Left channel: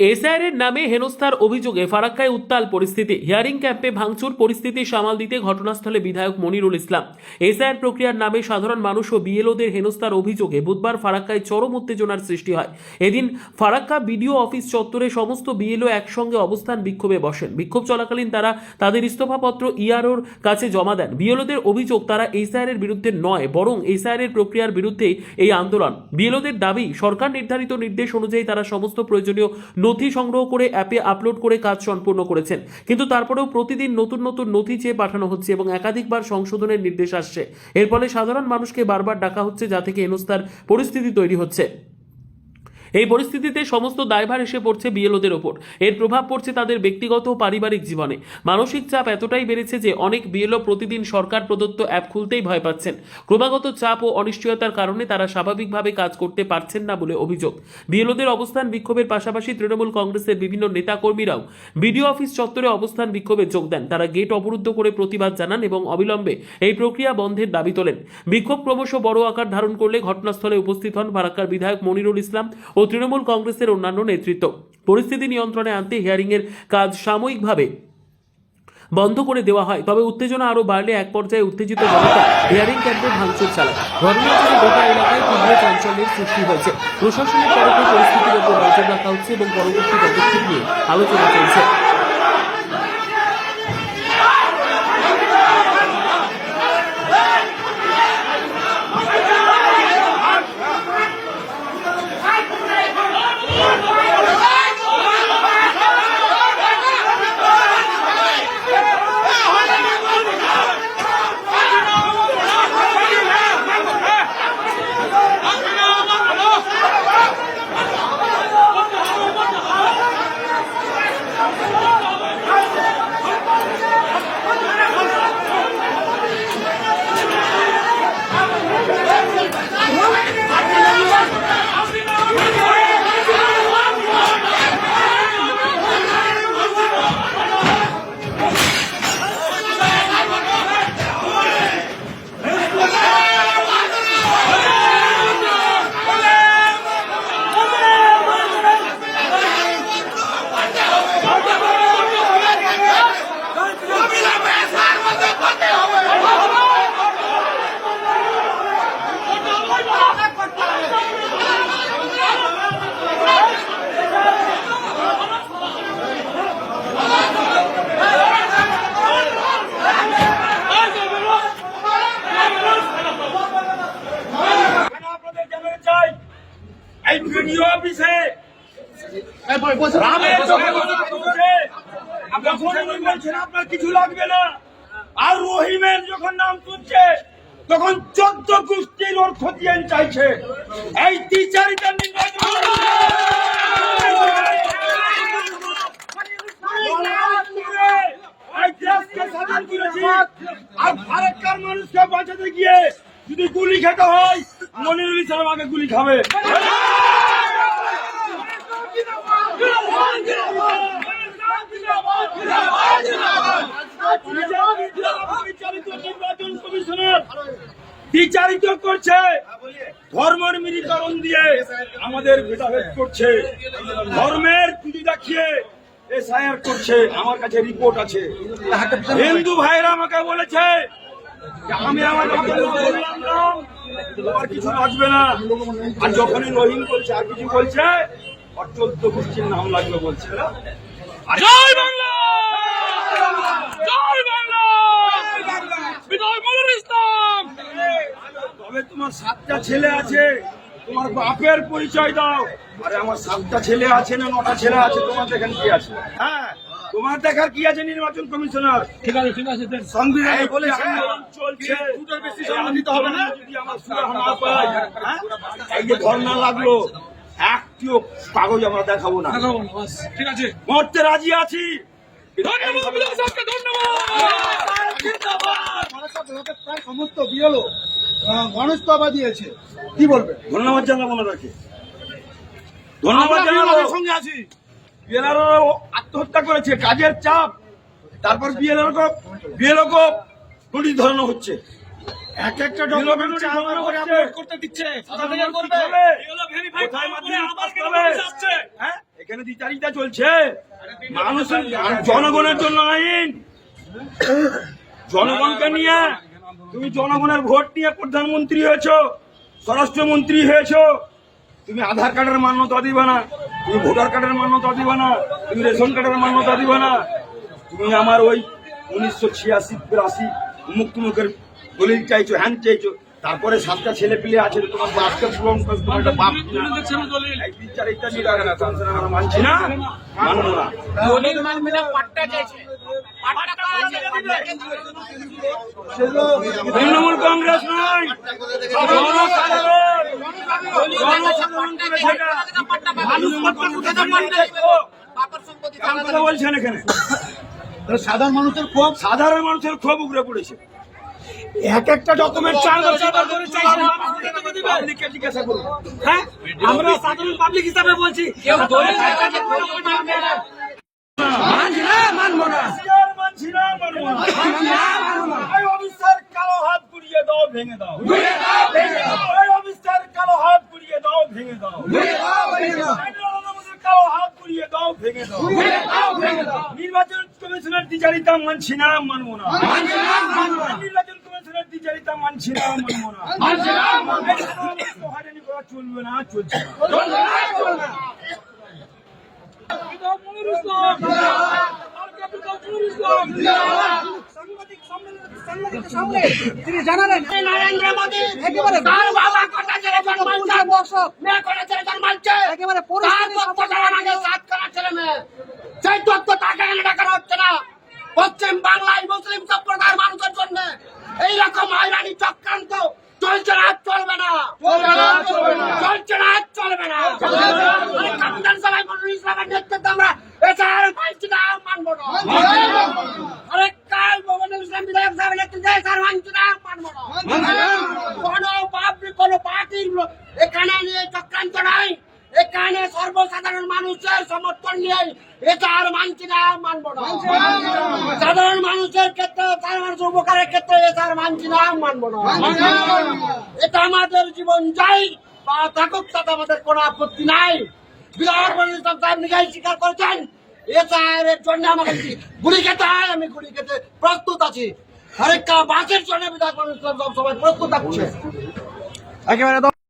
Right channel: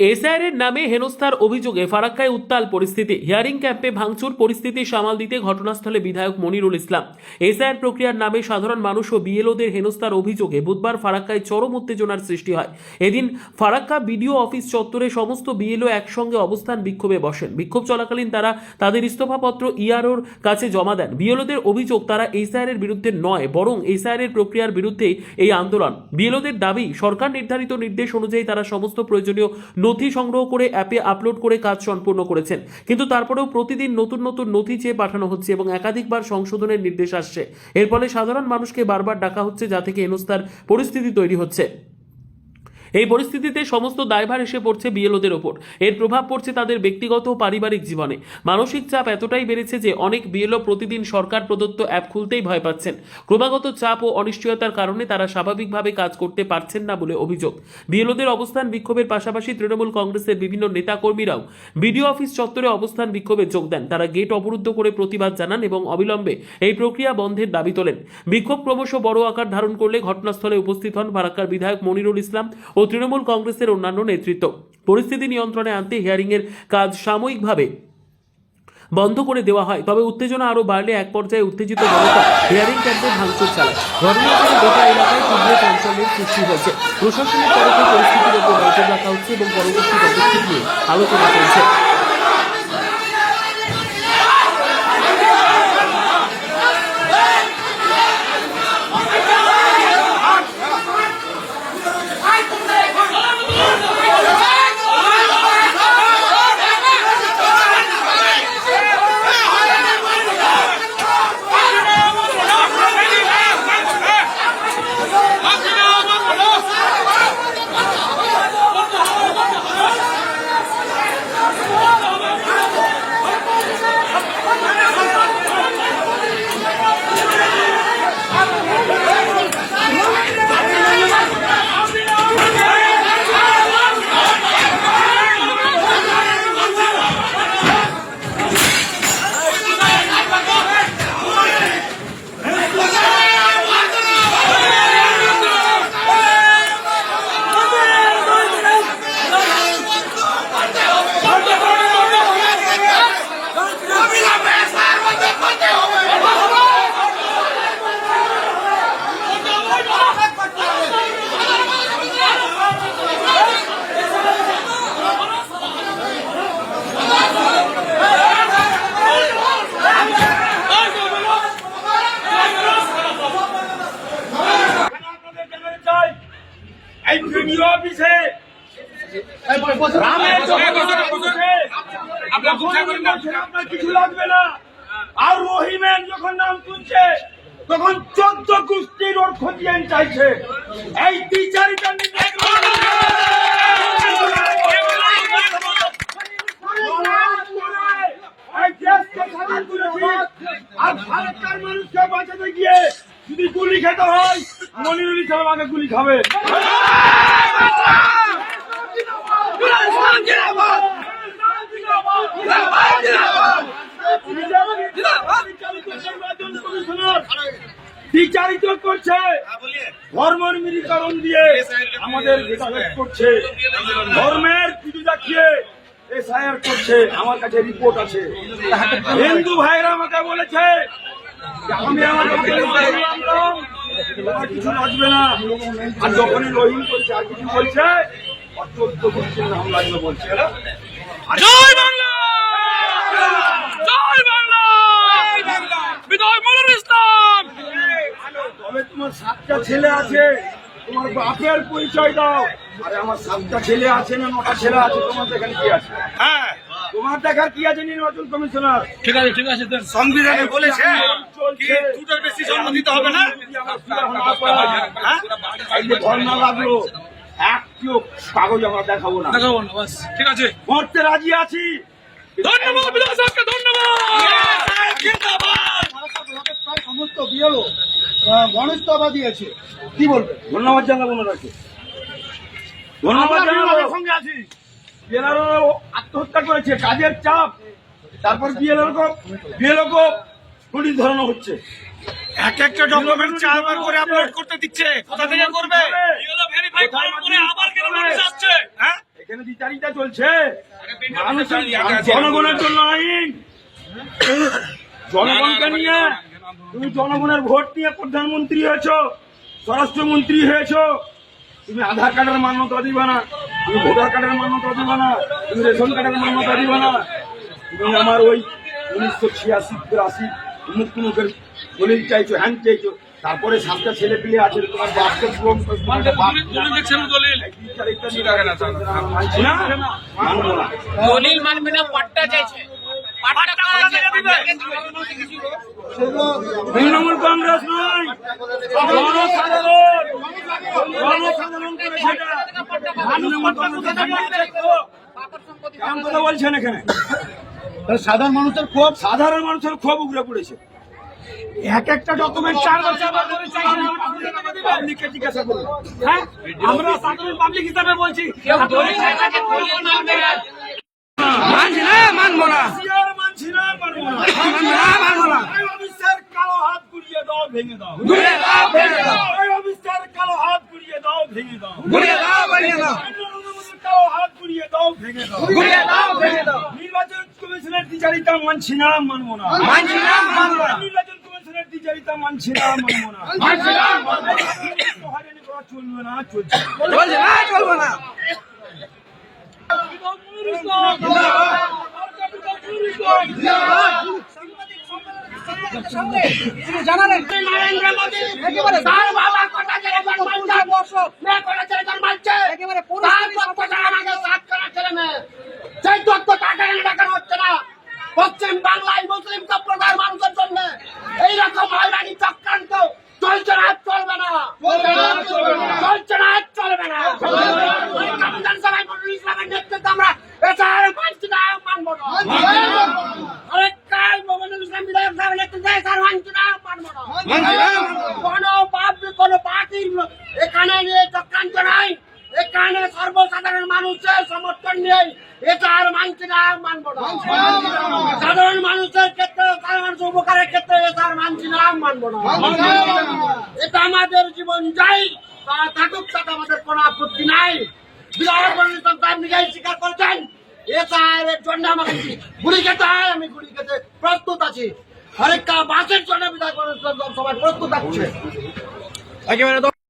SIR নামে হেনস্থার অভিযোগে ফারাক্কায় উত্তাল পরিস্থিতি। হিয়ারিং ক্যাম্পে ভাঙচুর পরিস্থিতি সামাল দিতে ঘটনাস্থলে বিধায়ক মনিরুল ইসলাম। এসআইআর প্রক্রিয়ার নামে সাধারণ মানুষ ও বিএলওদের হেনস্থার অভিযোগে বুধবার ফারাক্কায় চরম উত্তেজনার সৃষ্টি হয়। এদিন ফারাক্কা বিডিও অফিস চত্বরে সমস্ত বিএলও একসঙ্গে অবস্থান বিক্ষোভে বসেন। বিক্ষোভ চলাকালীন তারা তাদের ইস্তফাপত্র ইআরওর কাছে জমা দেন। বিএলওদের অভিযোগ, তারা এসআইআর এর বিরুদ্ধে নয়, বরং এসআইআর এর প্রক্রিয়ার বিরুদ্ধেই এই আন্দোলন। বিএলওদের দাবি, সরকার নির্ধারিত নির্দেশ অনুযায়ী তারা সমস্ত প্রয়োজনীয় নথি সংগ্রহ করে অ্যাপে আপলোড করে কাজ সম্পূর্ণ করেছেন। কিন্তু তারপরেও প্রতিদিন নতুন নতুন নথি চেয়ে পাঠানো হচ্ছে এবং একাধিকবার সংশোধনের নির্দেশ আসছে। এর ফলে সাধারণ মানুষকে বারবার ডাকা হচ্ছে যা থেকে এনস্তার পরিস্থিতি তৈরি হচ্ছে। এই পরিস্থিতিতে সমস্ত দায়ভার এসে পড়ছে বিএলওদের ওপর। এর প্রভাব পড়ছে তাদের ব্যক্তিগত ও পারিবারিক জীবনে। মানসিক চাপ এতটাই বেড়েছে যে অনেক বিএলও প্রতিদিন সরকার প্রদত্ত অ্যাপ খুলতেই ভয় পাচ্ছেন। ক্রমাগত চাপ ও অনিশ্চয়তার কারণে তারা স্বাভাবিকভাবে কাজ করতে পারছেন না বলে অভিযোগ। বিএলওদের অবস্থান বিক্ষোভের পাশাপাশি তৃণমূল কংগ্রেসের বিভিন্ন নেতাকর্মীরাও বিডিও অফিস চত্বরে অবস্থান বিক্ষোভে যোগ দেন। তারা গেট অবরুদ্ধ করে প্রতিবাদ জানান এবং অবিলম্বে এই প্রক্রিয়া বন্ধের দাবি তোলেন। বিক্ষোভ ক্রমশ বড় আকার ধারণ করলে ঘটনাস্থলে উপস্থিত হন ফারাক্কার বিধায়ক মনিরুল ইসলাম ও তৃণমূল কংগ্রেসের অন্যান্য নেতৃত্ব। পরিস্থিতি নিয়ন্ত্রণে আনতে হিয়ারিংয়ের কাজ সাময়িকভাবে বন্ধ করে দেওয়া হয়। তবে উত্তেজনা আরও বাড়লে এক পর্যায়ে উত্তেজিত জনতা হিয়ারিং ক্যাম্পে ভাঙচুর চালায়। ঘটনার গোটা এলাকায় তীব্র চাঞ্চল্যের সৃষ্টি হয়েছে। প্রশাসনের তরফে পরিস্থিতির উপর নজর রাখা হচ্ছে এবং পরবর্তী পদক্ষেপ নিয়ে আলোচনা চলছে। উনি বলছেন আপনার কিছু লাগবে না। আর রহিমের যখন নাম শুনছে তখন চোদ্দ গোষ্ঠীর ওর খতিয়ান চাইছে। এই টিচারিটা আর ভারতকার মানুষকে বাঁচাতে গিয়ে যদি গুলি খেতে হয় মনিরুল ইসলাম আগে গুলি খাবে। বিচারিত করছে। ধর্মের মিলিকরণ দিয়ে আমাদের ভেদাভেদ করছে। ধর্মের পুজো দেখিয়ে এসআইআর করছে। আমার কাছে রিপোর্ট আছে। হিন্দু ভাইরা আমাকে বলেছে আমি আমার আমার কিছু লাগবে না। আর যখনই রহিম বলছে, আর কিছু বলছে গোষ্ঠীর নাম লাগবে বলছে। জয় বাংলা! জয় বাংলা! বিজয় মনির ইসলাম! তবে তোমার সাতটা ছেলে আছে তোমার বাপের পরিচয় দাও। আরে আমার সাতটা ছেলে আছে না নটা ছেলে আছে তোমার এখানে কি আছে? হ্যাঁ। তোমার দেখার কি আছে নির্বাচন কমিশনার? ঠিক আছে ঠিক আছে সংবিধানে বলেছে দুটোর বেশি জন্ম দিতে হবে না? হ্যাঁ? ধর্ণা লাগল একটিও কাগজ আমরা দেখাবো না। দেখাবো না বাস। ঠিক আছে। মরতে রাজি আছি। ধন্যবাদ প্রায় সমস্ত দিয়েছে। কি বলবেন ধন্যবাদ জানাব ওনাকে। ধন্যবাদ জানাব। সঙ্গে আছি। বিএলআরও আত্মহত্যা করেছে কাজের চাপ। তারপর বিএলআর বিএলও কো পুলিশ ধরানো হচ্ছে। এক একটা ডকুমেন্ট চারবার করে আপলোড করতে দিচ্ছে। কোথা থেকে করবে। হবে? ভেরিফাই কোথায় করে আবার কেন হবে? নোটিশ আসছে? হ্যাঁ? এখানে দ্বিচারিতা চলছে। মানুষের জনগণের জন্য আইন। জনগণকে নিয়ে তুমি জনগণের ভোট নিয়ে প্রধানমন্ত্রী হয়েছো স্বরাষ্ট্রমন্ত্রী হয়েছো তুমি আধার কার্ডের মান্যতা দিবে না তুমি ভোটার কার্ডের মান্যতা দিবে না তুমি রেশন কার্ডের মান্যতা দিবে না। তুমি আমার ওই উনিশশো ছিয়াশি মুক্তিমুখের দলিল চাইছো হ্যান চাইছো তারপরে সাতটা ছেলে পিলে আছে তোমার বাপকে পূরণ দলিল। না মানবো মানবে না পাট্টা চাইছে। তৃণমূল কংগ্রেস নয়। জনসাধারণ। জনসাধারণ করে সেটা। তৃণমূল কংগ্রেসের নেতৃত্ব। কেমন কথা বলছেন এখানে। সাধারণ মানুষের খুব সাধারণ মানুষের ক্ষোভ উগড়ে পড়েছে। এক একটা ডকুমেন্ট চার বছর ধরে চাইছে পাবলিককে জিজ্ঞাসা করুন। হ্যাঁ? আমরা সাধারণ পাবলিক হিসাবে বলছি। মানছি না মানবো না। মানছি না মানবো না। মানবো না কালো হাত গুড়িয়ে দাও। ভেঙে দাও এই অফিসার কালো হাত গুড়িয়ে দাও ভেঙে দাও কালো হাত দাও ভেঙে দাও। নির্বাচন কমিশনের দ্বিচারিতা মানছি না মানবো না। নির্বাচন কমিশনের দ্বিচারিতা মানছি না মানবো না। করা চলবে না চলছে না। নরেন্দ্র মোদী একেবারে তার বাবা কটা ছেলে জন্মাচ্ছে কটা ছেলে জন্মাচ্ছে একেবারে তার তত্ত্ব ছাড়া আমাদের সেই তত্ত্ব তাকে এনে দেখানো হচ্ছে না। পশ্চিম বাংলায় মুসলিম সম্প্রদায়ের মানুষের জন্য এইরকম হয়রানি চক্রান্ত চলছে না চলবে না। চলছে না চলবে না। বিধানসভায় মন্ডল ইসলামের নেতৃত্বে আমরা এছাড়া মানছি না মানবো না। আরে কাল মন্ডল ইসলাম বিধায়ক সাহেবের নেতৃত্বে মানছি না মানবো না কোনো পাবলিক কোনো পার্টির এখানে নিয়ে চক্রান্ত নাই এখানে সর্বসাধারণ মানুষের সমর্থন নেই এটা আর মানছি না মানবো না। সাধারণ মানুষের ক্ষেত্রে সাধারণ মানুষের উপকারের ক্ষেত্রে এটা আর মানছি না মানবো না। এটা আমাদের জীবন যাই বা থাকুক তাতে আমাদের কোনো আপত্তি নাই। বিধায়ক নিজেই স্বীকার করেছেন। এটা এর জন্য আমাকে গুলি খেতে হয় আমি গুলি খেতে প্রস্তুত আছি। আরেকটা বাঁচের জন্য বিধায়ক মন্ডল ইসলাম সব সময় প্রস্তুত আছে একেবারে